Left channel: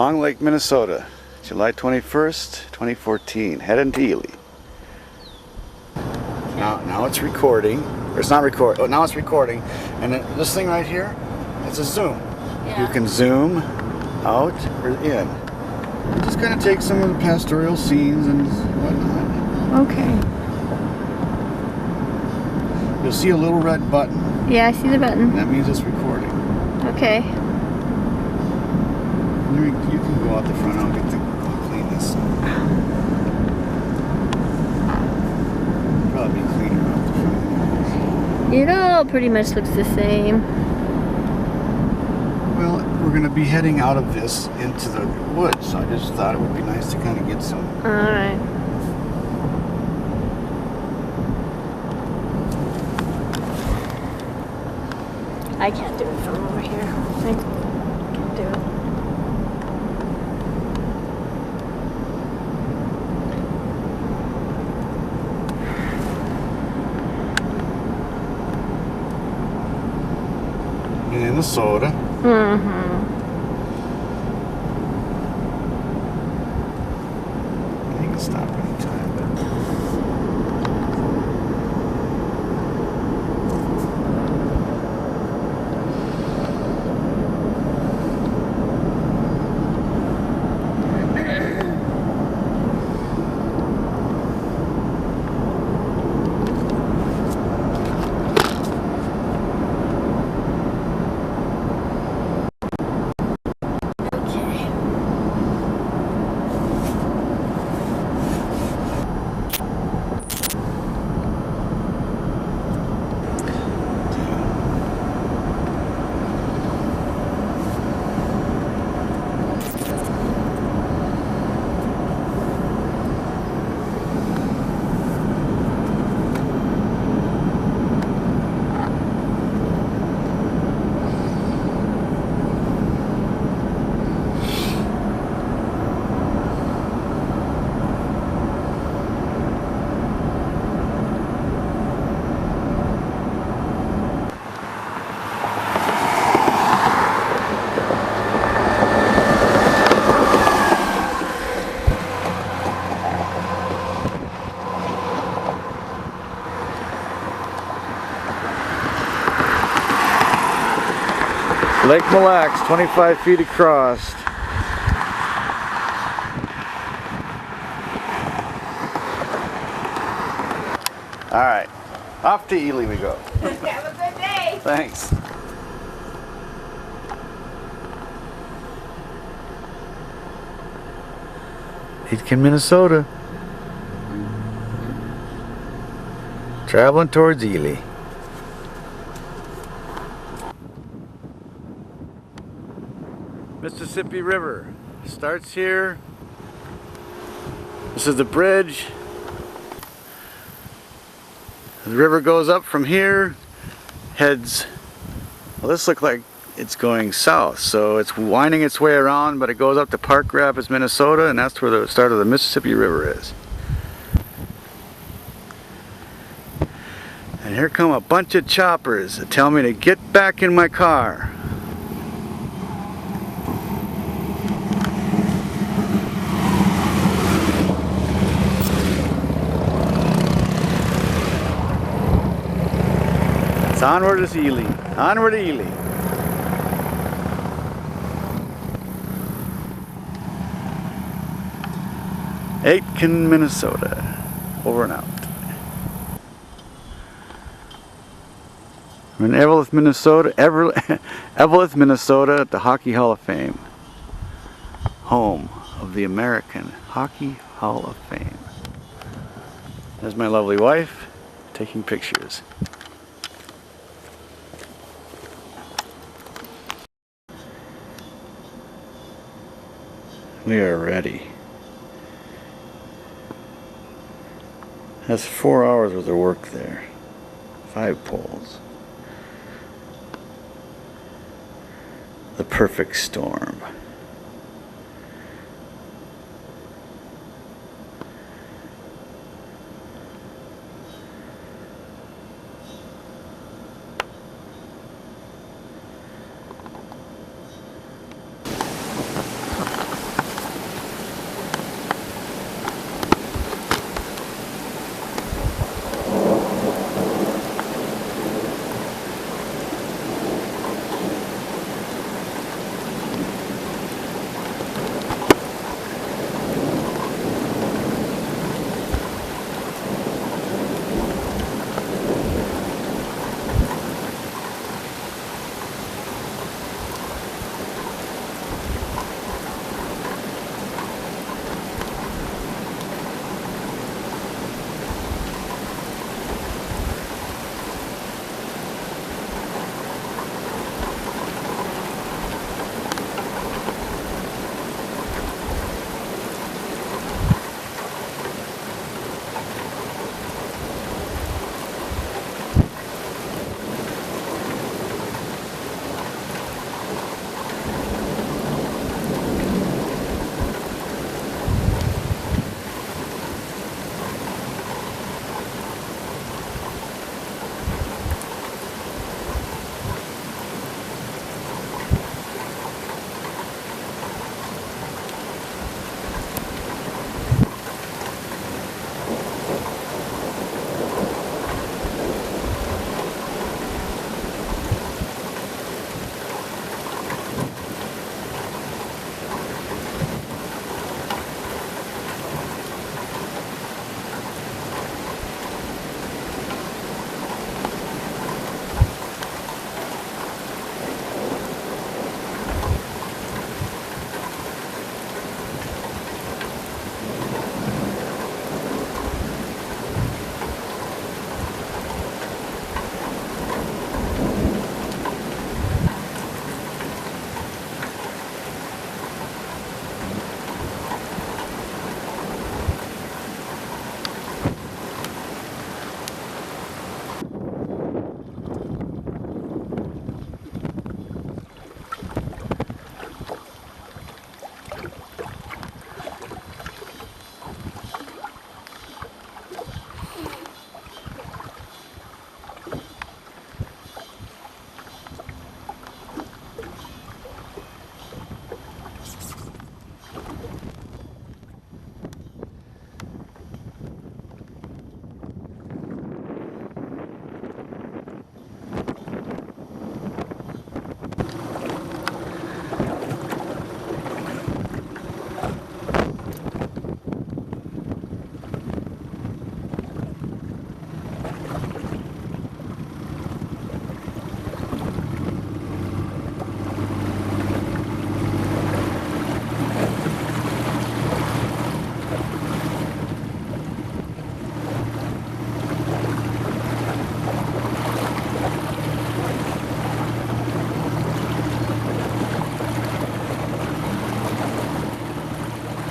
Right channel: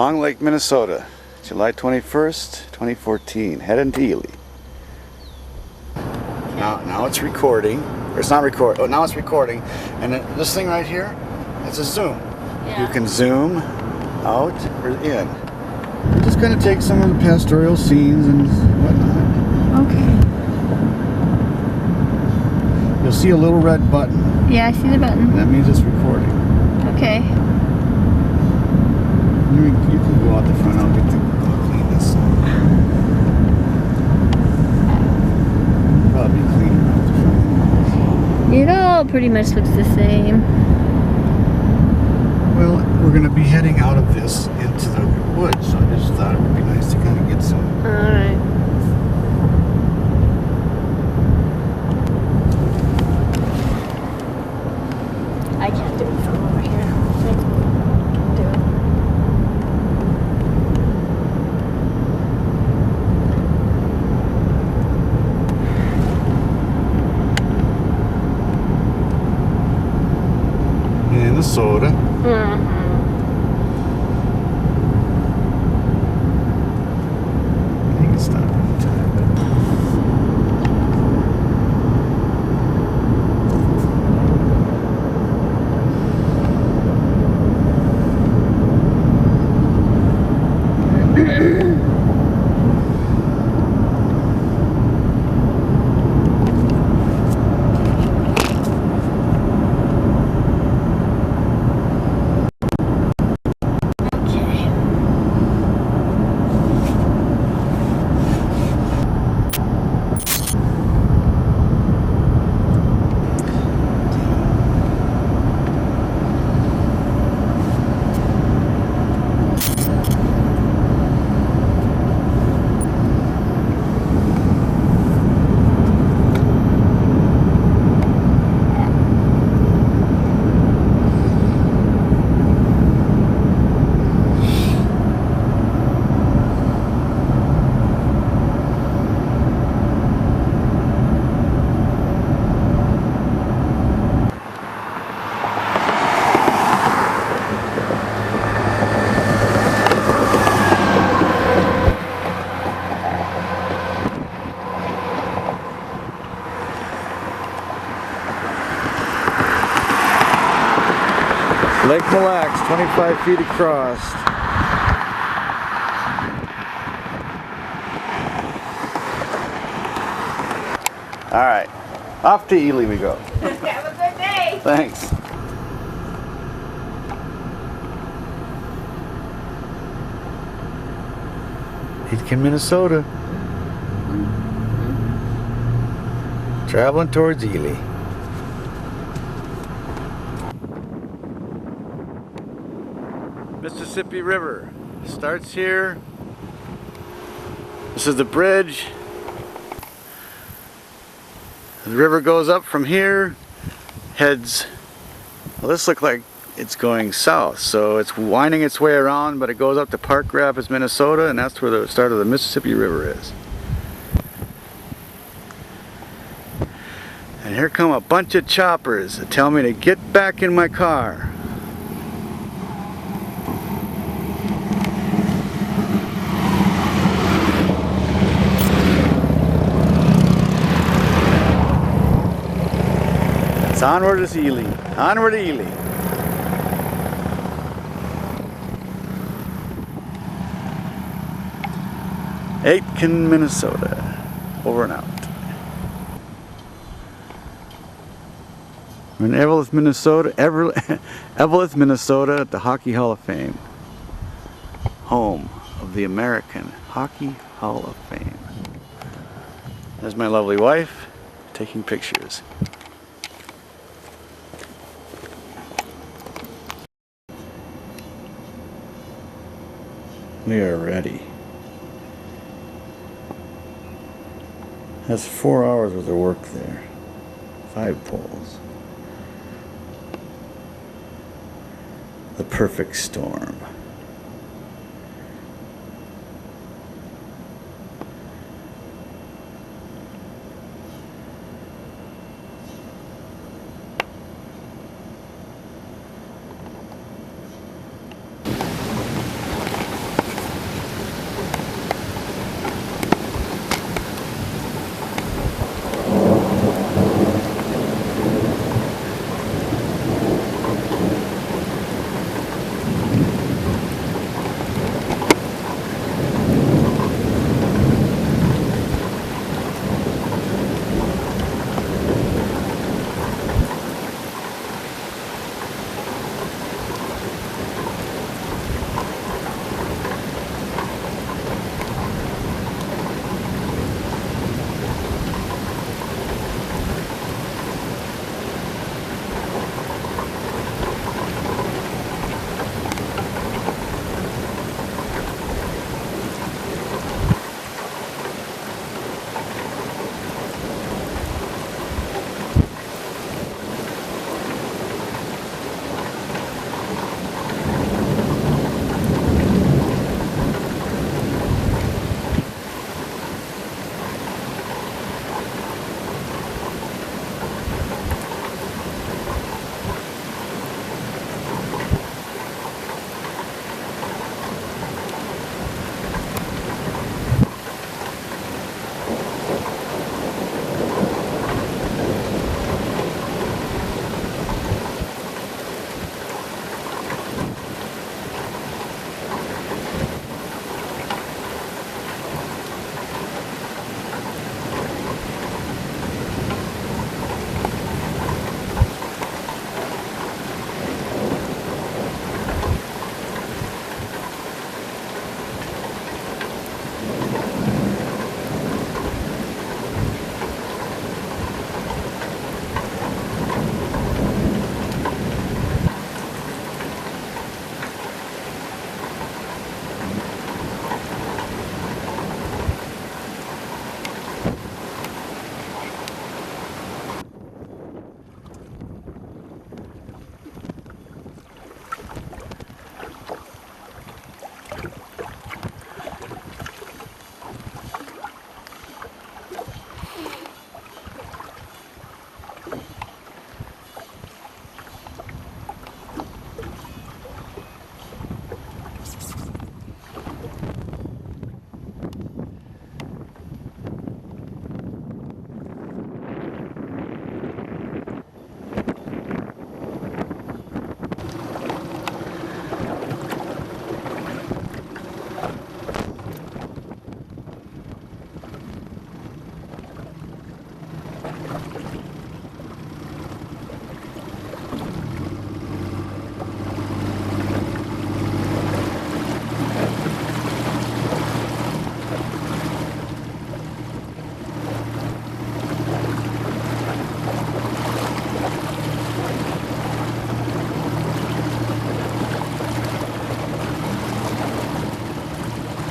Long Lake, Minnesota, July 21st, 2014. Heading to Ely. Now it's recording. Or it's not recording. Oh, now it's recording. And this thing right here, it's a zoom. Yeah. You can zoom out or in. We're just going to take some of the pastoral scenes and whatnot. Okay. You'll see a little red button. Yeah, I see the button. That means it's recording. Okay. You can go out the front. I'll clean this. Probably cleaner out the front. It all pretty much looks the same. Well, we're going to be heading out of this into the woods, so I just thought it would be nice to kind of get some. Alright. I can't do it from over here. I can't do it. Minnesota. Mm-hmm. You can stop anytime, Lake Mille Lacs, 25 feet across. All right, off to Ely we go. Have a good day. Thanks. Aitkin, Minnesota. Traveling towards Ely. Mississippi River starts here. This is the bridge. The river goes up from here, heads, well, this looks like it's going south, so it's winding its way around, but it goes up to Park Rapids, Minnesota, and that's where the start of the Mississippi River is. And here come a bunch of choppers that tell me to get back in my car. It's onward to Ely. Onward to Ely. Aitkin, Minnesota. Over and out. I'm in Eveleth, Minnesota. Eveleth, Minnesota at the Hockey Hall of Fame. Home of the American Hockey Hall of Fame. There's my lovely wife taking pictures. We are ready. That's 4 hours worth of work there. 5 poles. The perfect storm.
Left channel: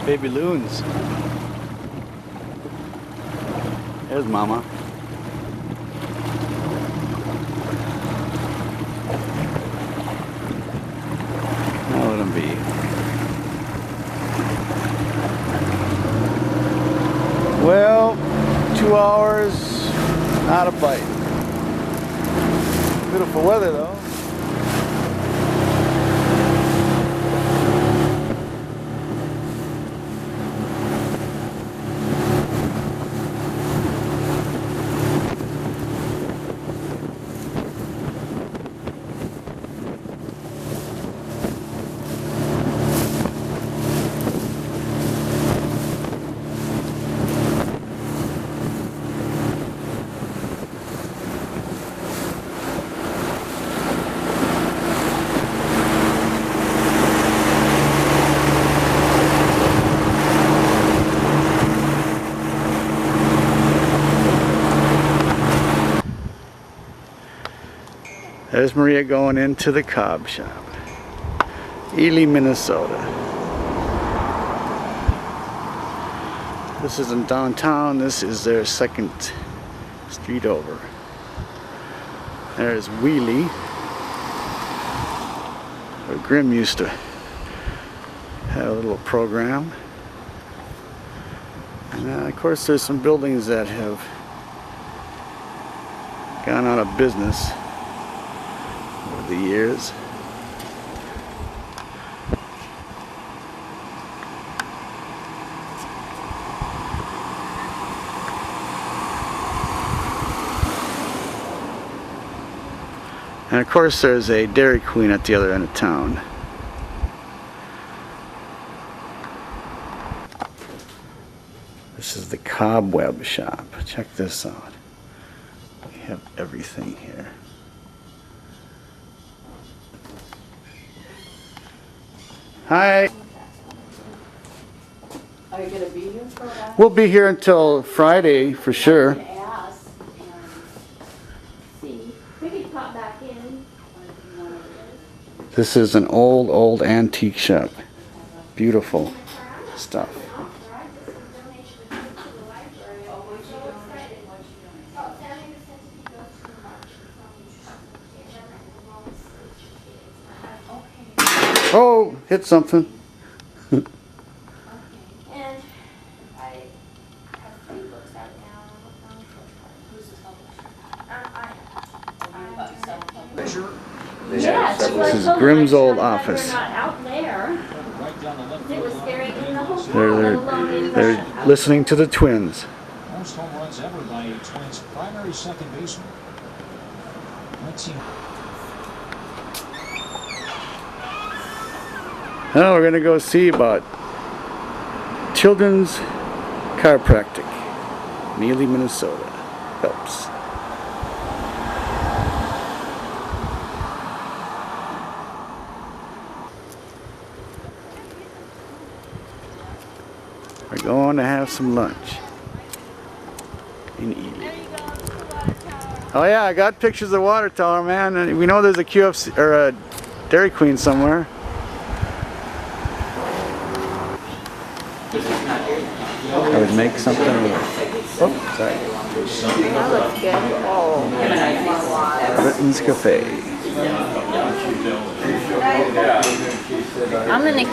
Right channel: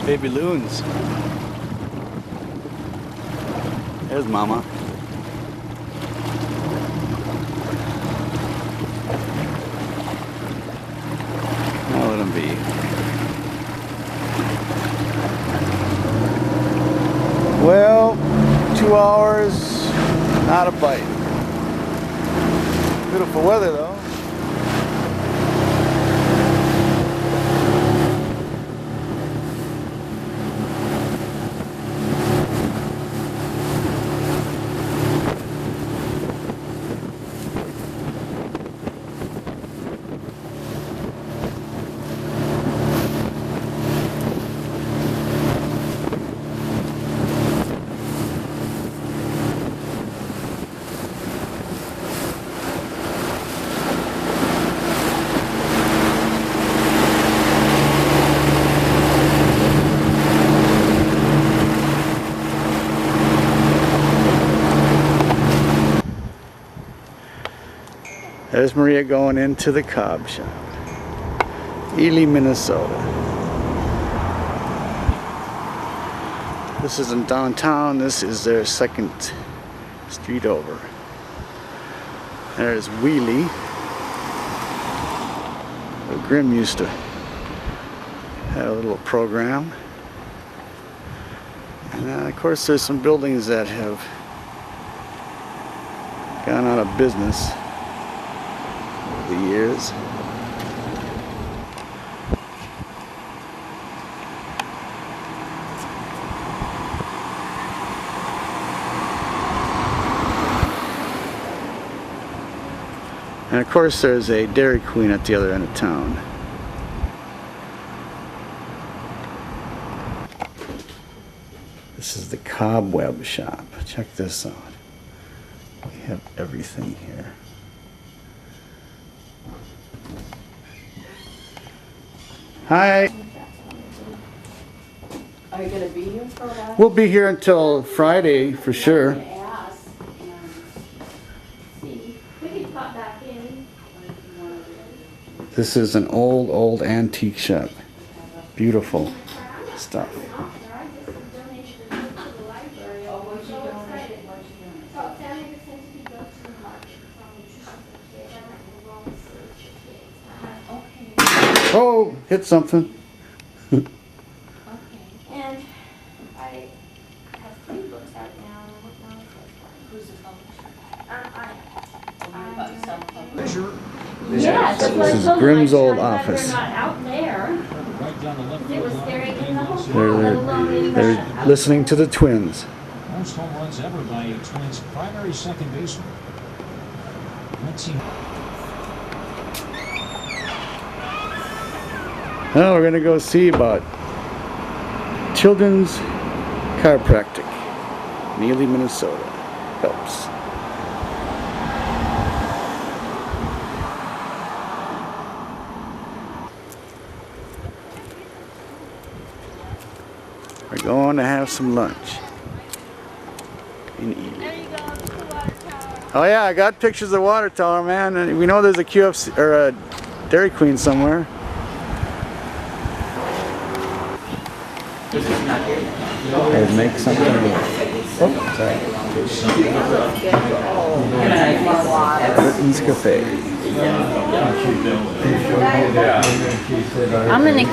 Baby loons. There's Mama. Now let him be. Well, 2 hours, not a bite. Beautiful weather though. There's Maria going into the cob shop. Ely, Minnesota. This isn't downtown, this is their second street over. There's Wheelie. Where Grimm used to have a little program. And of course there's some buildings that have gone out of business the years. And of course there's a Dairy Queen at the other end of town. This is the Cobweb shop. Check this out. We have everything here. Hi. Are you going to be here for a while? We'll be here until Friday for sure. I'm going to ask and see. We could pop back in if you want to. This is an old antique shop. Beautiful stuff. Oh, hit something. Okay. And I have 3 books out now, and I'm working on the 4th one. Who's the publisher? I am. About self-publisher? Yes. This is Grimm's old office. They're not out there. It was staring in the hole. They're listening to the Twins. Most home runs ever by a Twins primary second baseman. Let's see. Now we're going to go see about children's chiropractic in Ely, Minnesota. Phelps. We're going to have some lunch in Ely. There you go, to the water tower. Oh yeah, I got pictures of the water tower, man. And we know there's a QFC or a Dairy Queen somewhere. I would make something. Oh, sorry. Britain's Cafe. I'm gonna.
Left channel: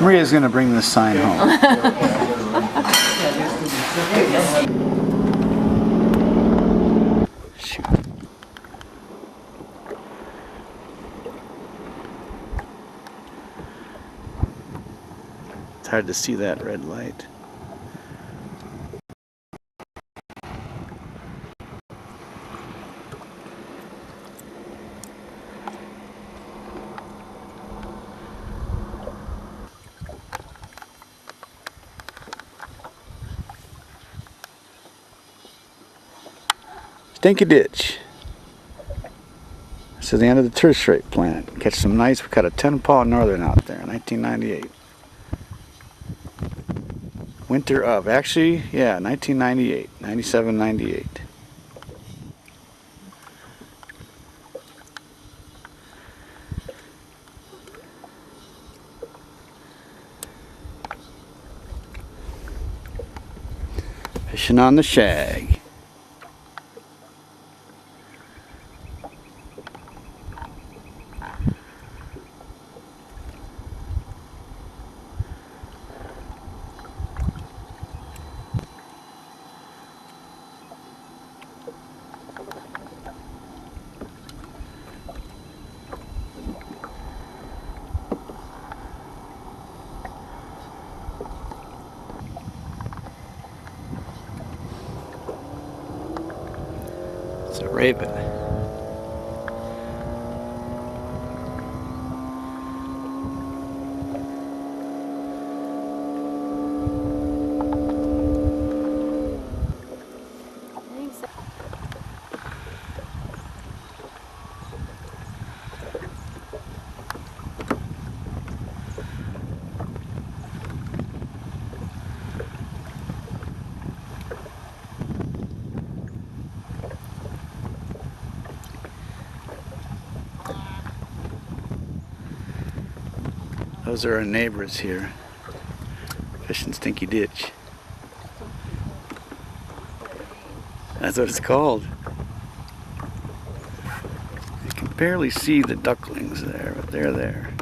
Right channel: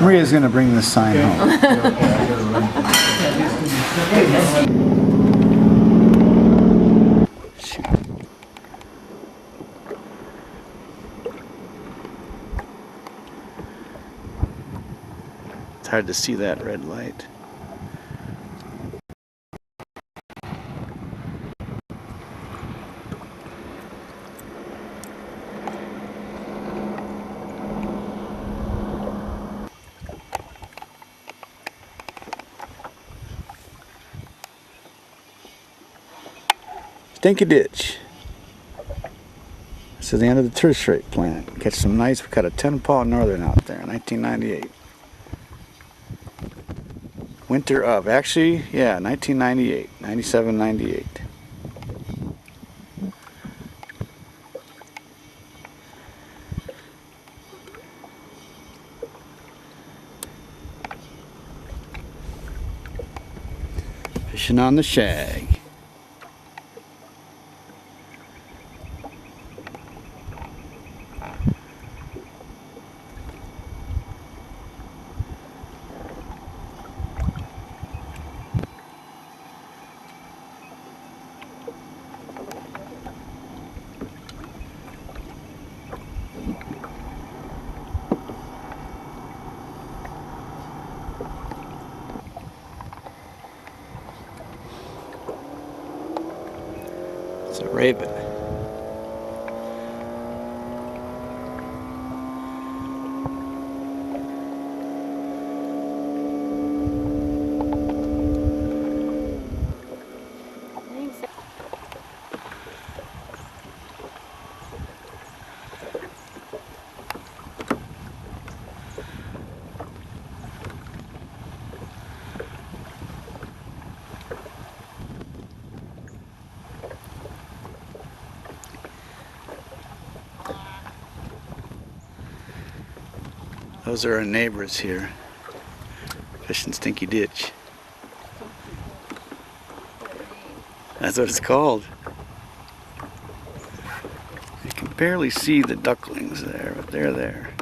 Maria's gonna bring this sign home. Shoot. It's hard to see that red light. Stinky Ditch. This is the end of the tourist rate plant. Catch some nice, we caught a 10-paw northern out there in 1998. Winter of, actually, yeah, 1998, 97, 98. Fishing on the shag. It's a raven. Those are our neighbors here, fishing Stinky Ditch. That's what it's called. You can barely see the ducklings there, but they're there.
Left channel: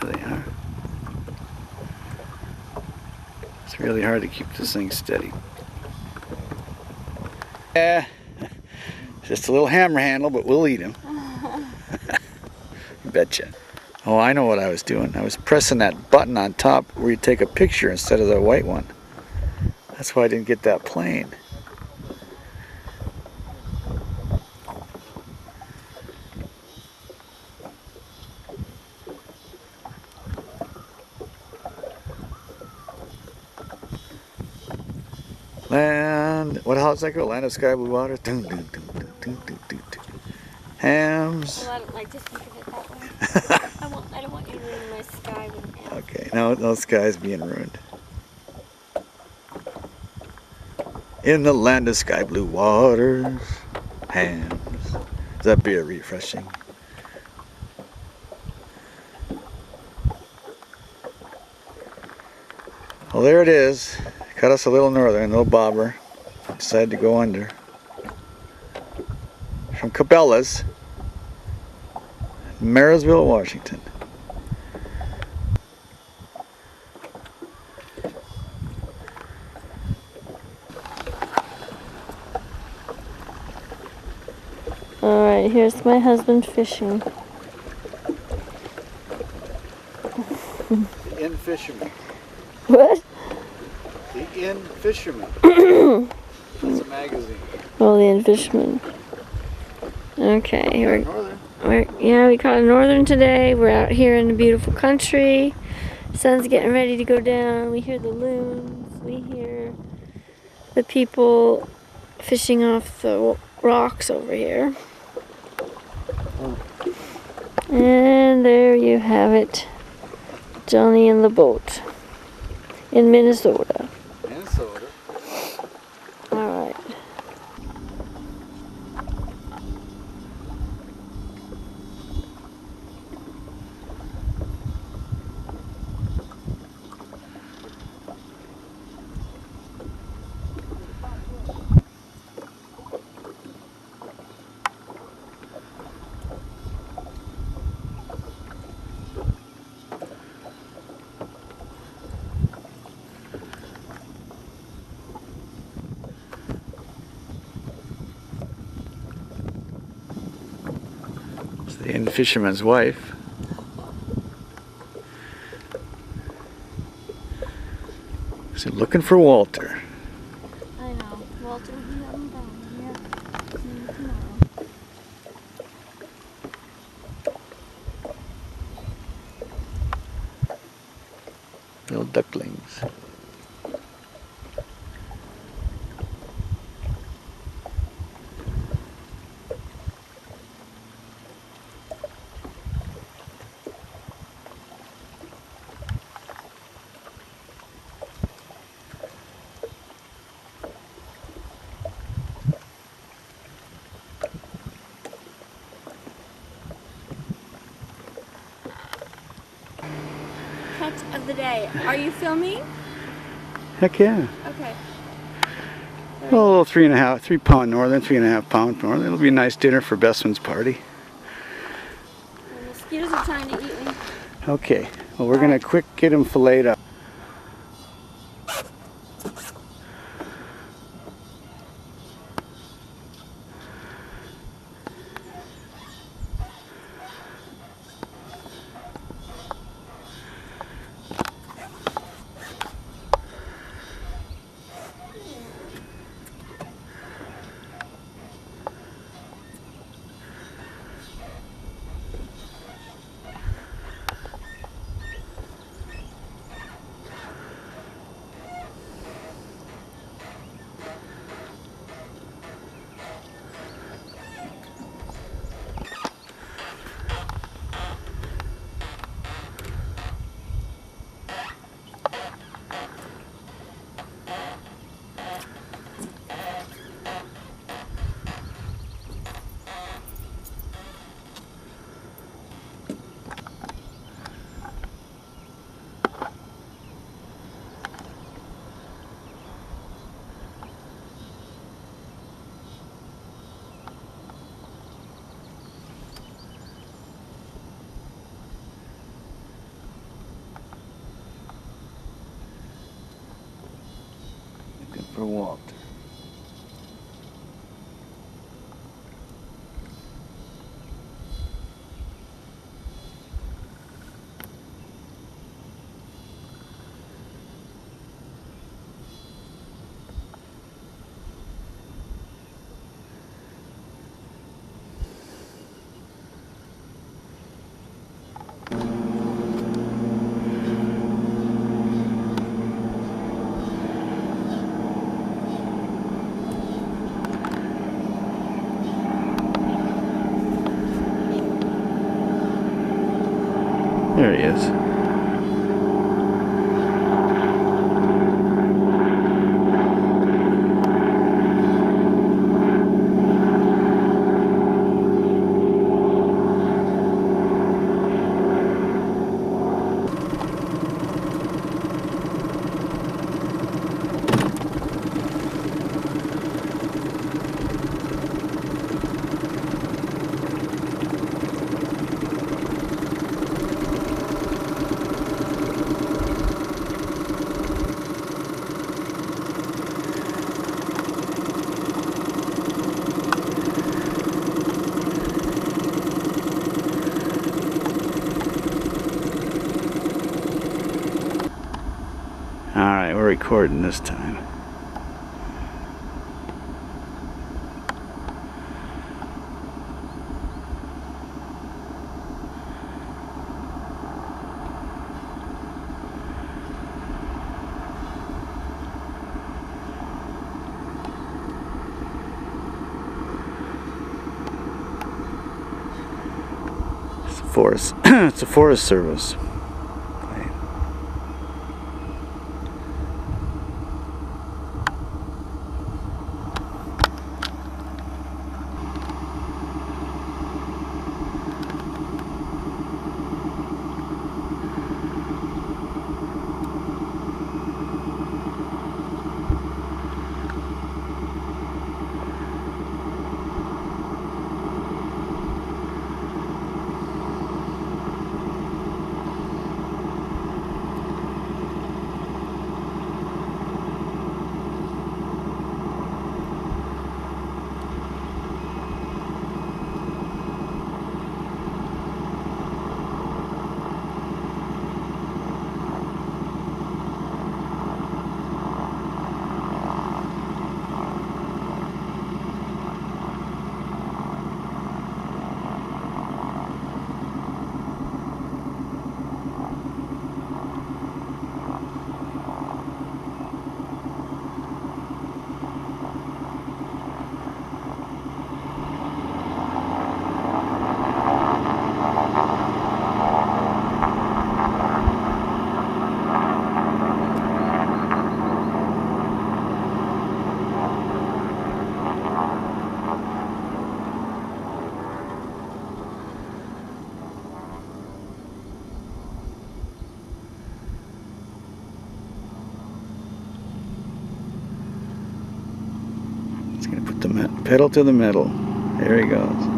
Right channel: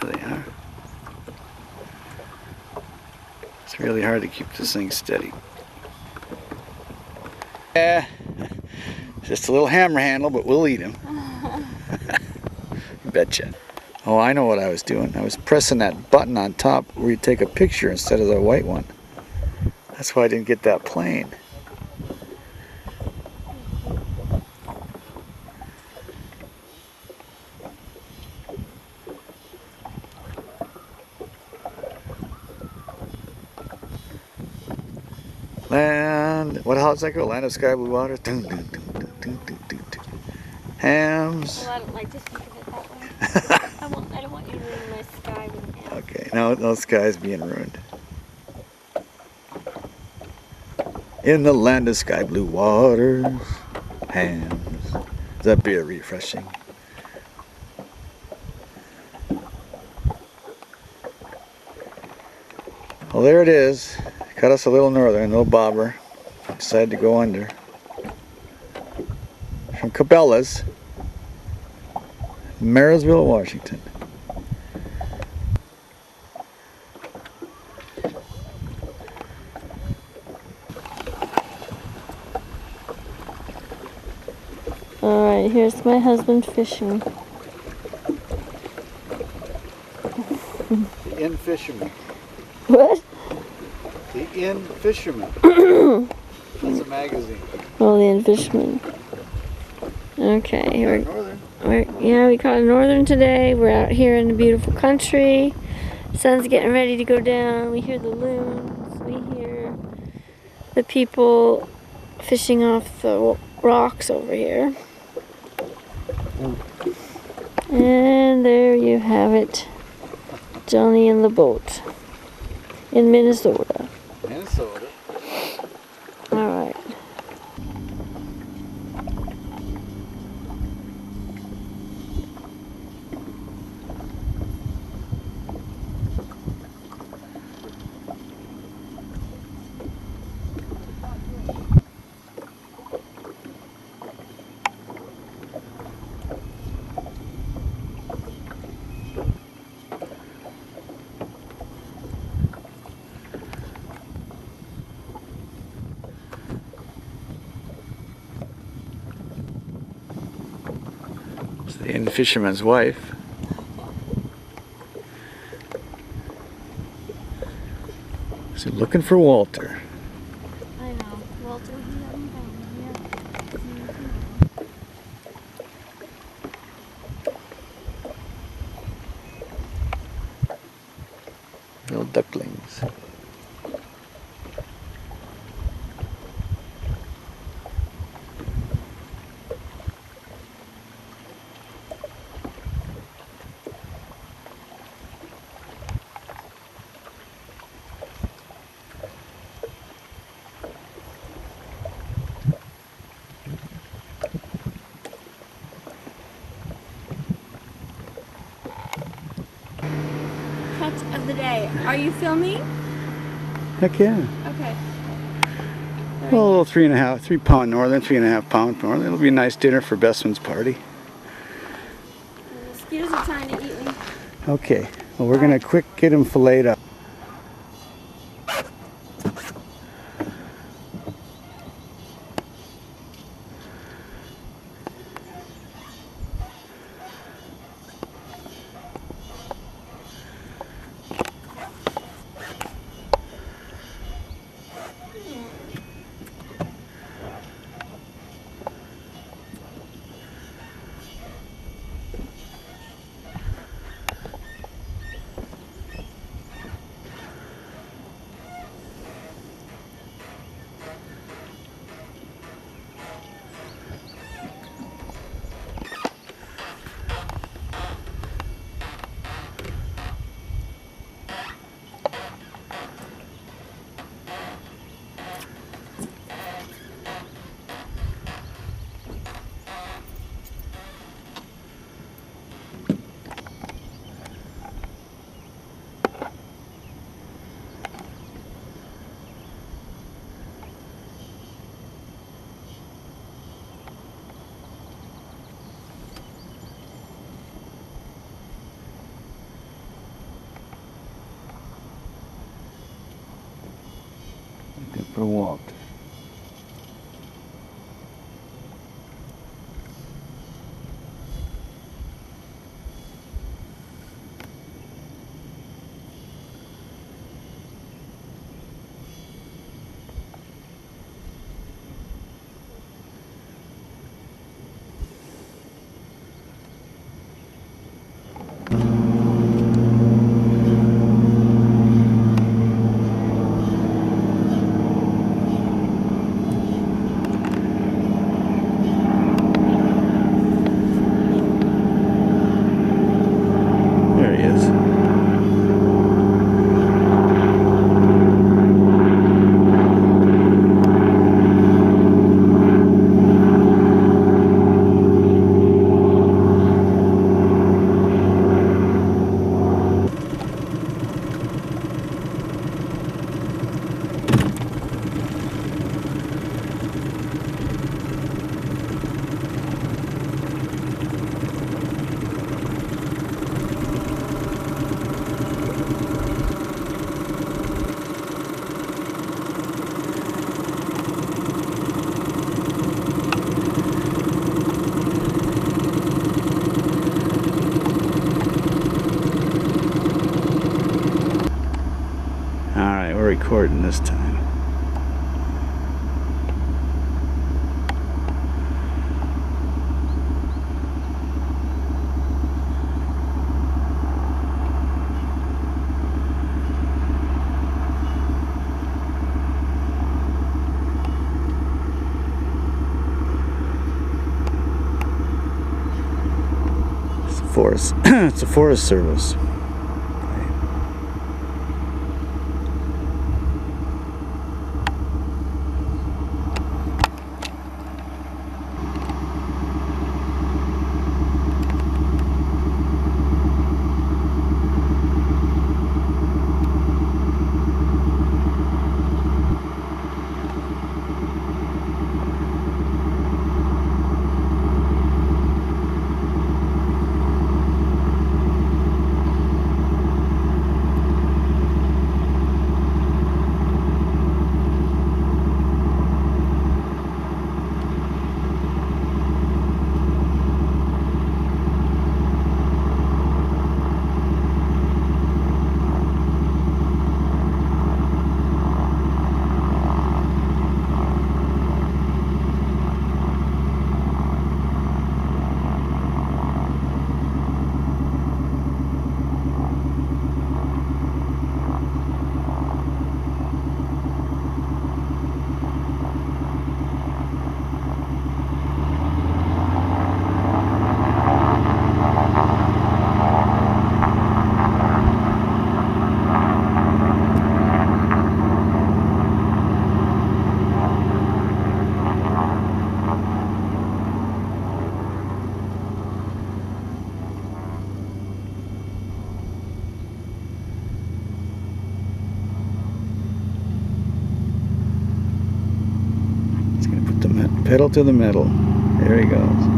There they are. It's really hard to keep this thing steady. Yeah, just a little hammer handle, but we'll eat him. You betcha. Oh, I know what I was doing. I was pressing that button on top where you take a picture instead of the white one. That's why I didn't get that plane. Land, how's that go? Land of sky blue water. Dun, dun, dun, dun, dun, dun, dun, dun. Hams. Well, I don't like to think of it that way. I don't want you to ruin my sky with hams. Okay, no sky's being ruined. In the land of sky blue waters, hams. That beer refreshing. Well, there it is. Cut us a little northern, no bobber. Decided to go under. From Cabela's, Marysville, Washington. Alright, here's my husband fishing. The Inn Fisherman. What? The Inn Fisherman. That's a magazine. Oh, the Fisherman. Okay, Northern. we caught a northern today. We're out here in the beautiful country. Sun's getting ready to go down. We hear the loons. We hear the people fishing off the rocks over here. And there you have it. Johnny in the boat. In Minnesota. Minnesota. Alright. It's the Inn Fisherman's wife. So looking for Walter. I know. Walter, you haven't found him yet. See you tomorrow. Little ducklings. Catch of the day. Are you filming? Heck yeah. Okay. A little 3 pound northern, 3.5 pound northern. It'll be a nice dinner for Bestman's party. The mosquitoes are trying to eat me. Okay. Well, we're gonna quick get him filleted up. Looking for Walter. There he is. Alright, we're recording this time. It's a forest. It's a Forest Service. Pedal to the metal. There he goes.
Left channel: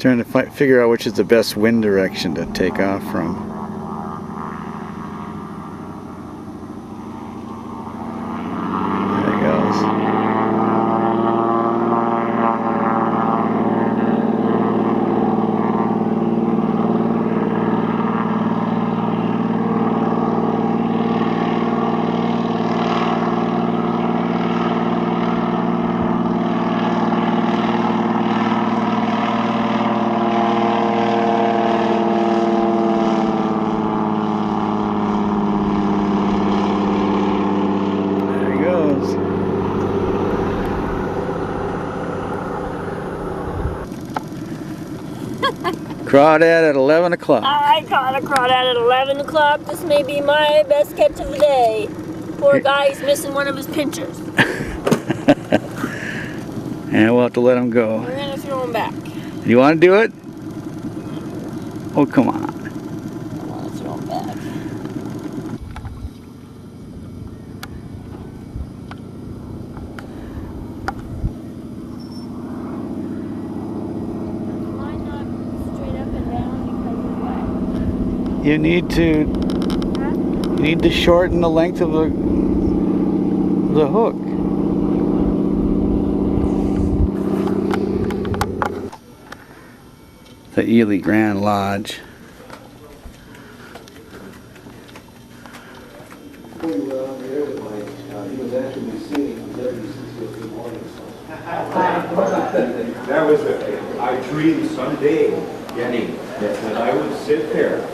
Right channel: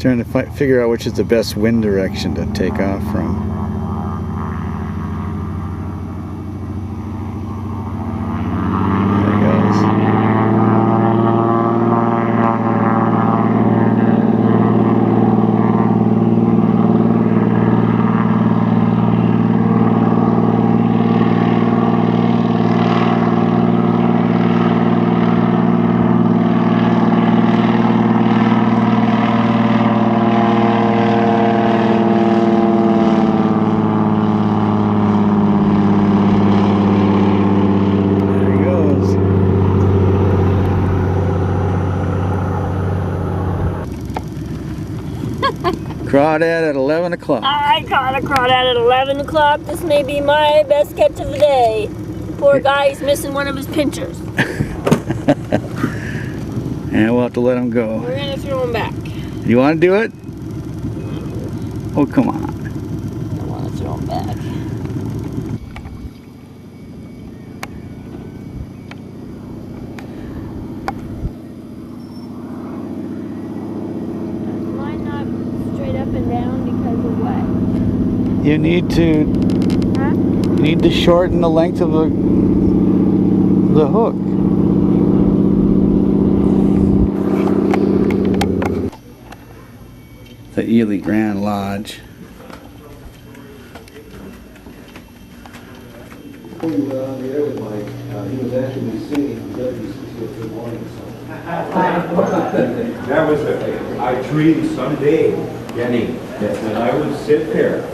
Trying to figure out which is the best wind direction to take off from. There he goes. Crawdad at 11 o'clock. I caught a crawdad at 11 o'clock. This may be my best catch of the day. Poor guy, he's missing one of his pinchers. And we'll have to let him go. We're gonna throw him back. You want to do it? Oh, come on. I want to throw him back. Line not straight up and down because of what? You need to. Huh? You need to shorten the length of the hook. The Ely Grand Lodge. He was actually singing WCC Good Morning song. That was I dreamed someday, Jenny, that I would sit there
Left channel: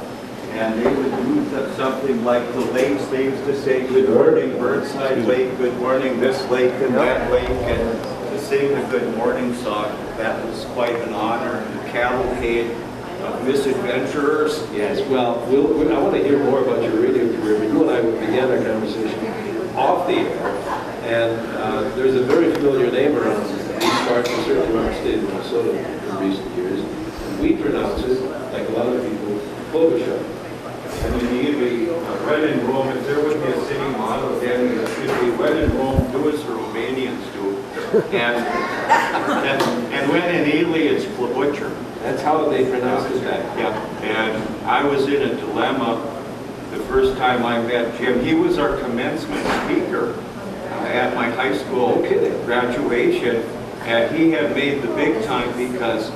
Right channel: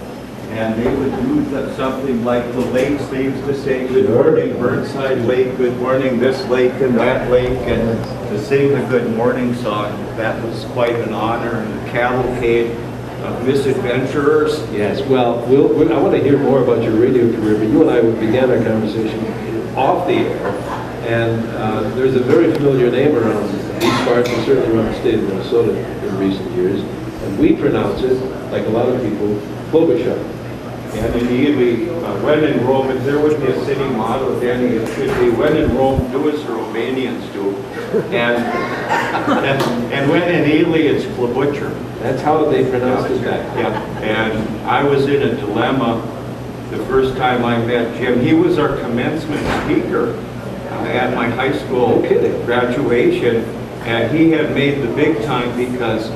and they would do something like the lakes. They used to say, good morning, Burnside Lake, good morning, this lake and that lake, and to sing the good morning song. That was quite an honor, and the cavalcade of misadventurers. Yes, well, I want to hear more about your radio career, but you and I began our conversation off the air, and there's a very familiar name around these parts, and certainly around the state of Minnesota in recent years, and we pronounce it, like a lot of people, Klobuchar. And immediately, when in Rome, if there would be a city motto, then it should be, when in Rome, do as the Romanians do. And when in Ely, it's Klobuchar. That's how they pronounced it back. Yeah, and I was in a dilemma the first time I met Jim. He was our commencement speaker at my high school graduation, and he had made the big time because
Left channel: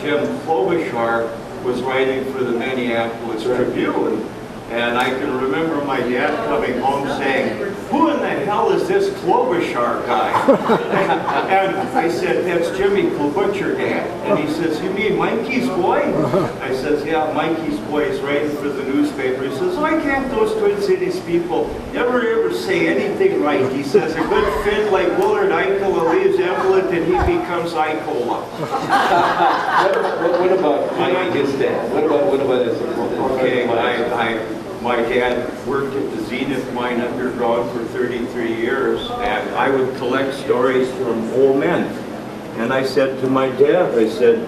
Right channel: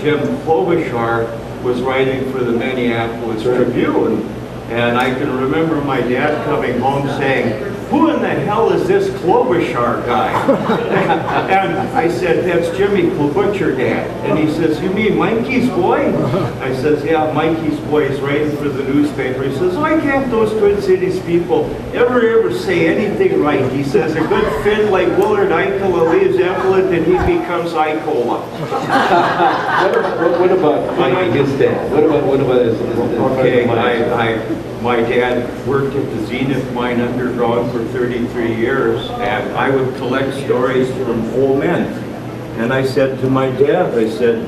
Jim Klobuchar was writing for the Minneapolis Tribune, and I can remember my dad coming home saying, who in the hell is this Klobuchar guy? And I said, that's Jimmy Klobuchar, Dad. And he says, you mean Mikey's boy? I says, yeah, Mikey's boy is writing for the newspaper. He says, why can't those Twin Cities people ever say anything right? He says, a good Finn like Willard Eichel leaves Evelyn and he becomes Eichola. What about Mikey, his dad? What about his Okay, my dad worked at the Zenith mine underground for 33 years, and I would collect stories from old men. And I said to my dad, I said,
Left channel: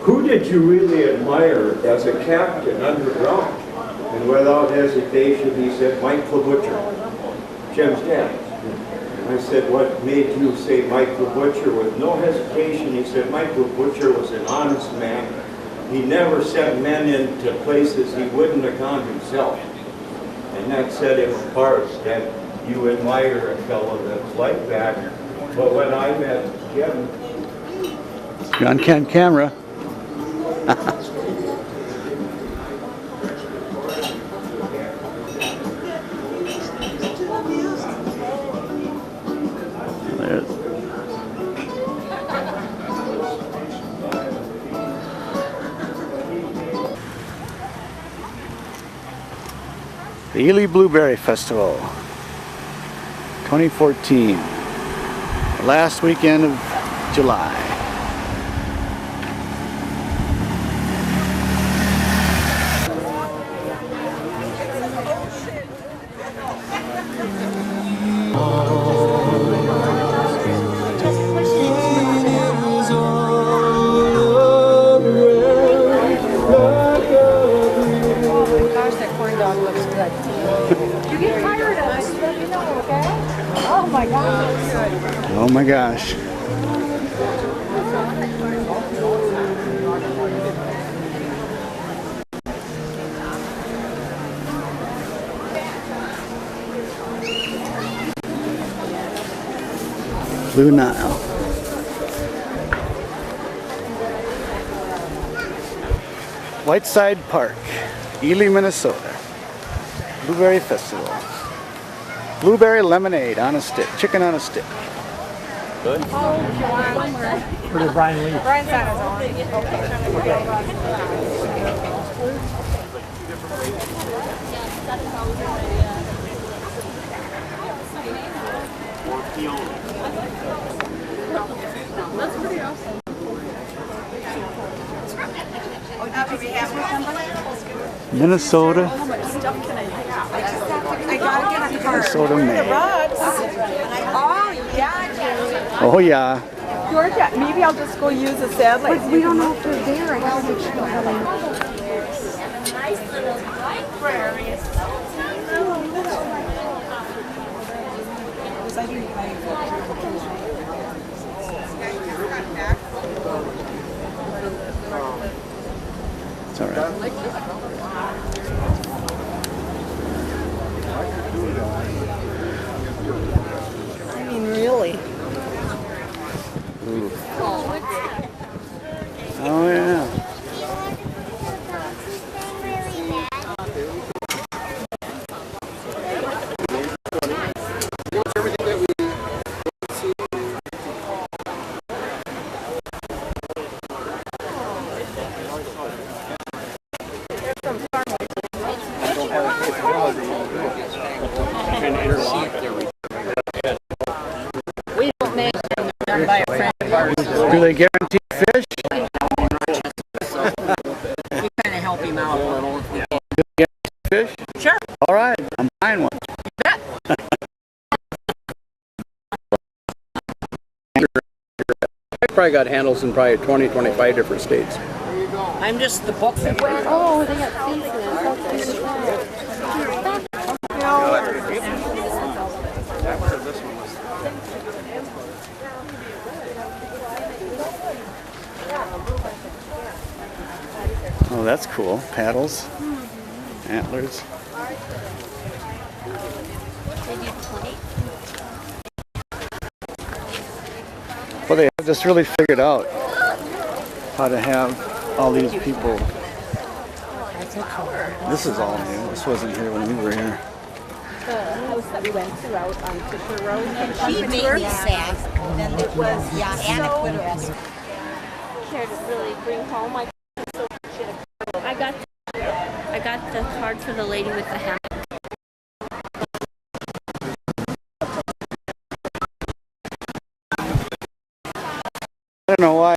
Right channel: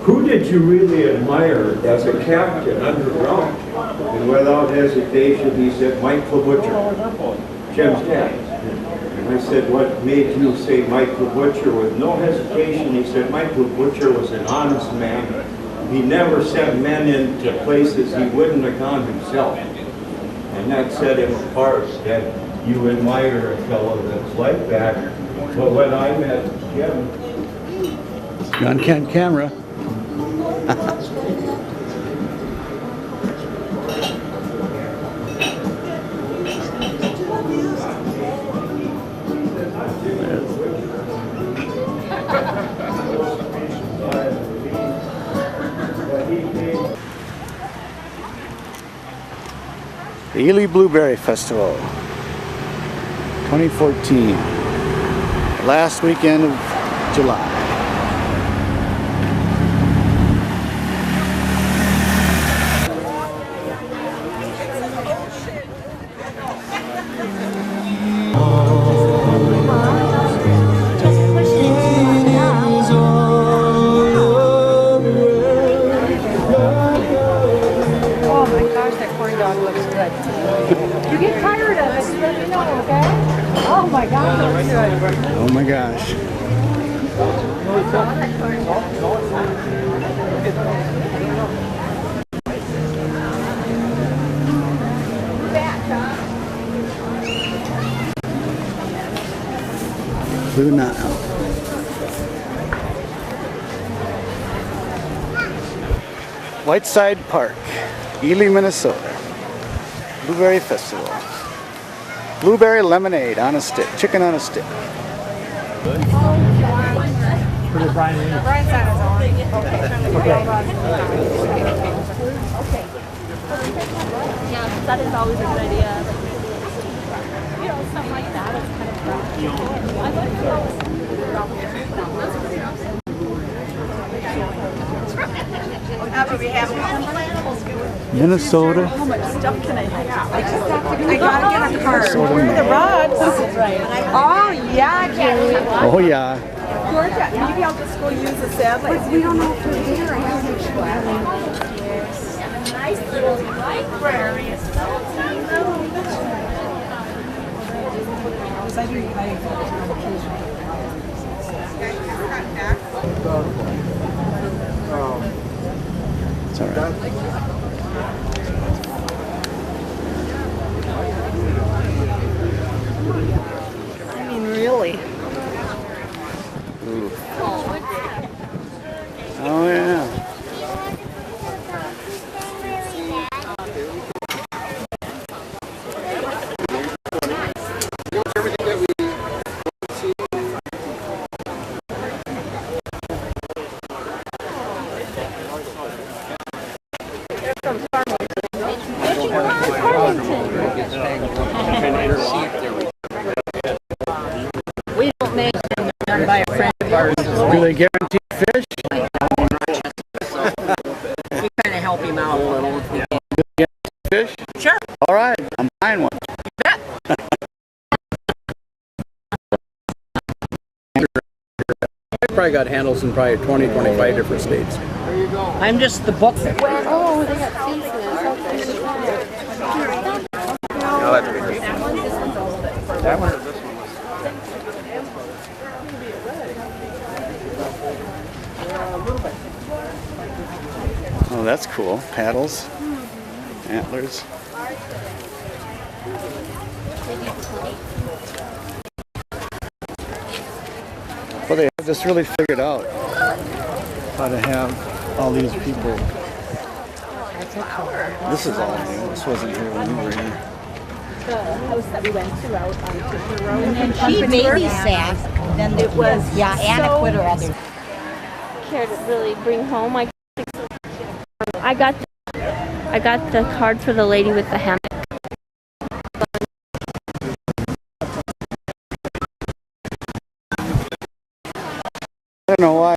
who did you really admire as a captain underground? And without hesitation, he said, Mike Klobuchar, Jim's dad. And I said, what made you say Mike Klobuchar? With no hesitation, he said, Mike Klobuchar was an honest man. He never sent men into places he wouldn't have gone himself. And that set him apart, that you admire a fellow that's like that. But when I met Jim... You're on camera. The Ely Blueberry Festival 2014, last weekend of July. Oh my gosh. Blue Nile. Whiteside Park, Ely, Minnesota. Blueberry Festival. Blueberry lemonade on a stick, chicken on a stick. Where did Brian leave? Brian's on his own. Yeah, that is always a good idea. Minnesota. How much stuff can I have? I gotta get a card. Minnesota The man. rugs. Oh, yeah, Jenny. Oh yeah. Georgia, maybe I'll just go use the satellite. We don't know if they're there. I have to Nice little library. It's all right. I mean, really. Ooh. Oh yeah. We don't make them done by a friend of ours. Do they guarantee fish? We kind of help him out a little. If we can. Fish? Sure. All right, I'm buying one. Bet. Probably got handles in probably 20, 25 different states. I'm just the book. Oh, they got pieces. That one or this one? Oh, that's cool. Paddles, antlers. Well, they have this really figured out how to have all these people. This is all new. This wasn't here when we were here. She babysat, then it was, yeah, Anna quit her other. Care to really bring home. I got the card for the lady with the hammock. I don't know why.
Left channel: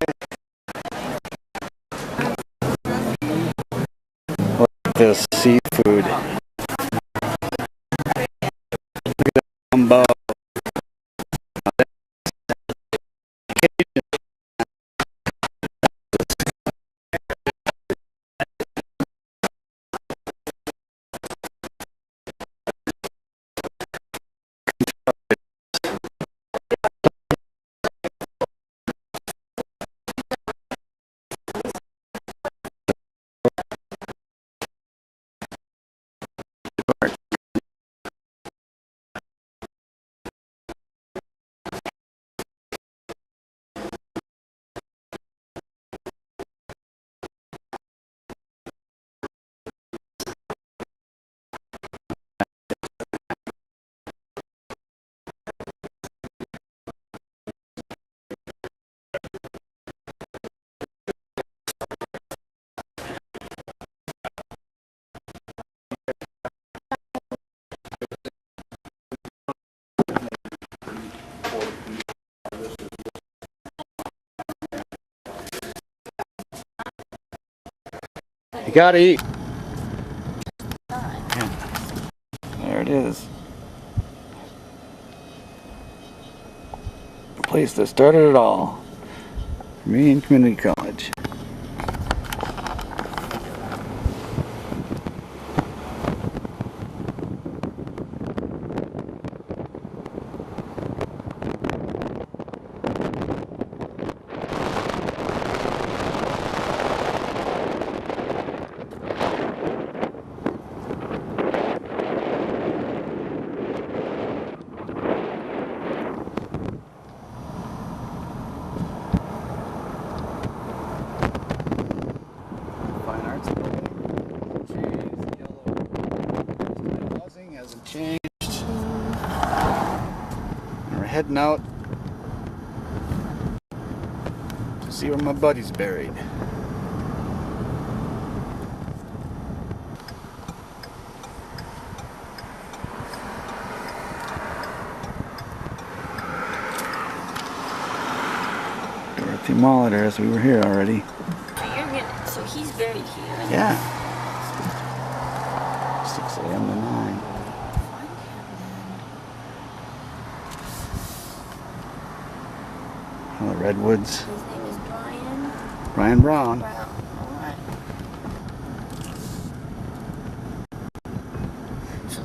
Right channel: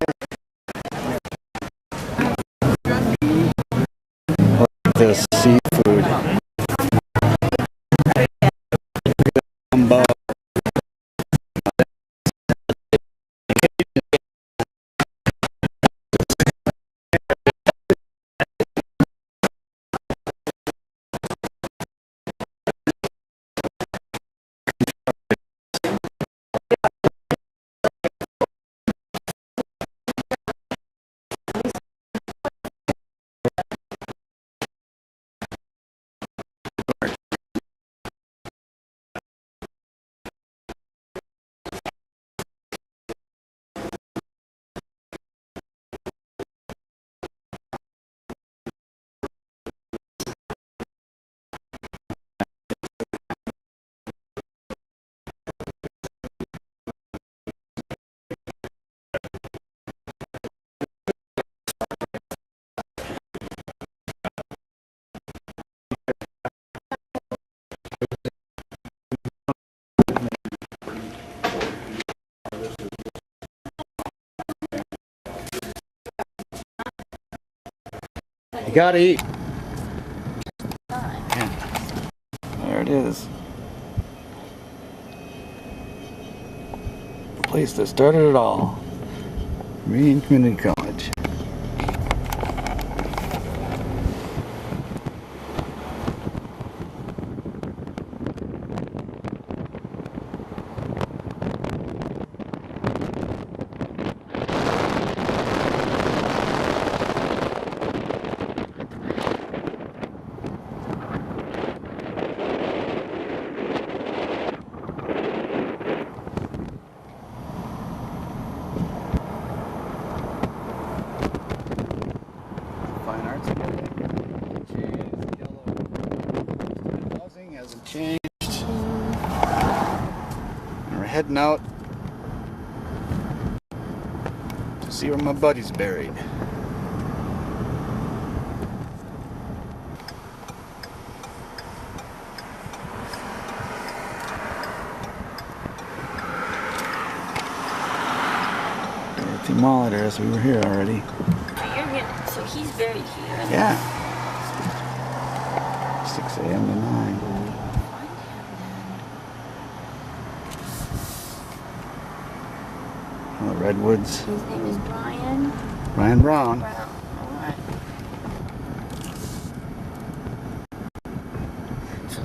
Look at this seafood. Look at that gumbo. You gotta eat. Yeah. There it is. The place that started it all. Marine Community College. parts of it. Housing hasn't changed. And we're heading out to see where my buddy's buried. We're at the Molitor, as we were here already. So he's buried here. Yeah. 6 a.m. to 9. Oh, the redwoods. His name is Brian. Brian Brown. Brown. All right. So,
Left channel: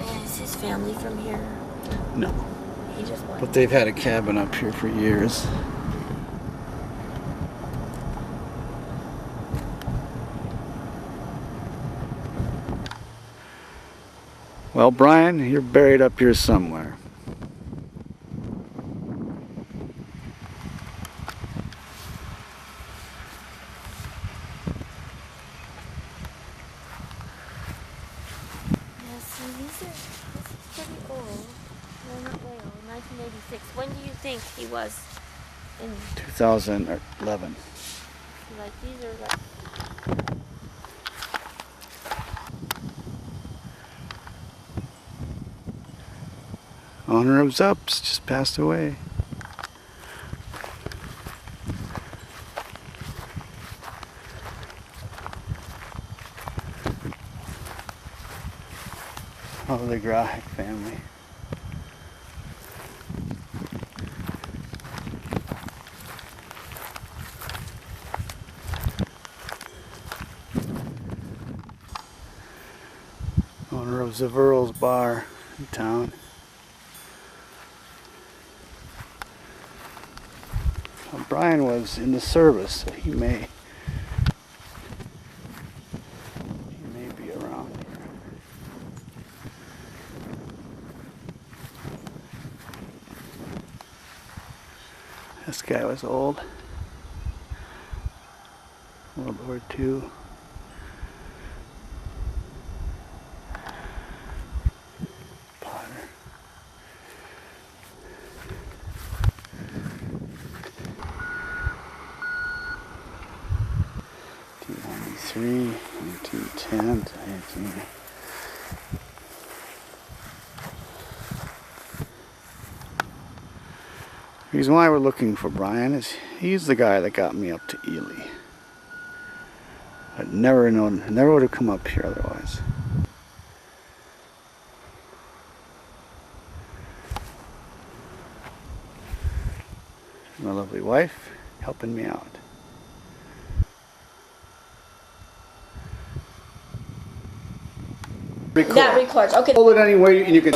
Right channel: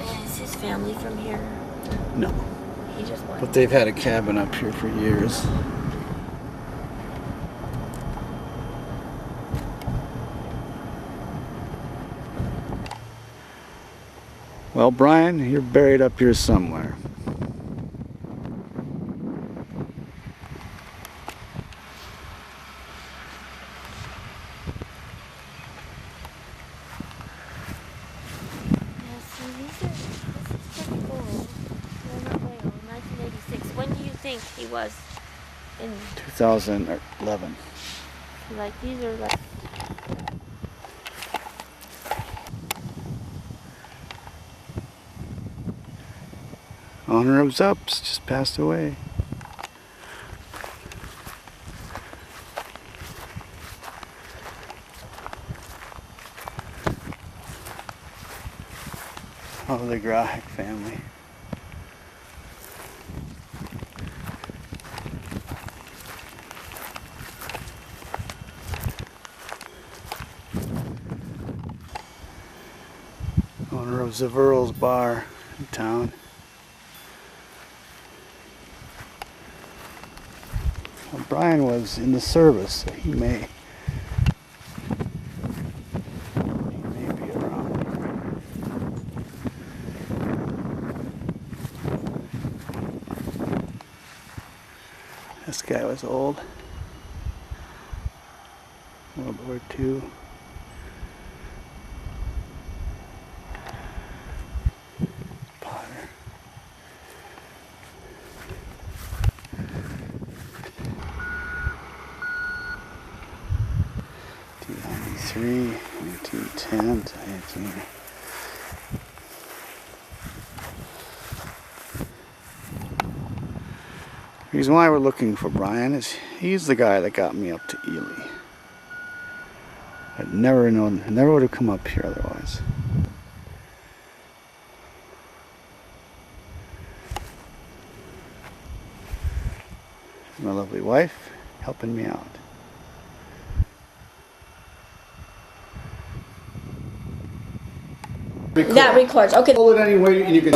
and is his family from here? No. He just went. But they've had a cabin up here for years. Well, Brian, you're buried up here somewhere. Yeah, see, this is pretty old. Well, not way old. 1986. When do you think he was in? 2011. Like these are like. Honor of Zups just passed away. Oh, the Grahek family. Owner of Zaverl's Bar in town. Well, Brian was in the service, so he may be around here. This guy was old. World War II. Potter. '93, 1910 to 18. The reason why we're looking for Brian is he's the guy that got me up to Ely. I'd never known, never would have come up here otherwise. My lovely wife helping me out. That records. Okay. Hold it anyway and you can...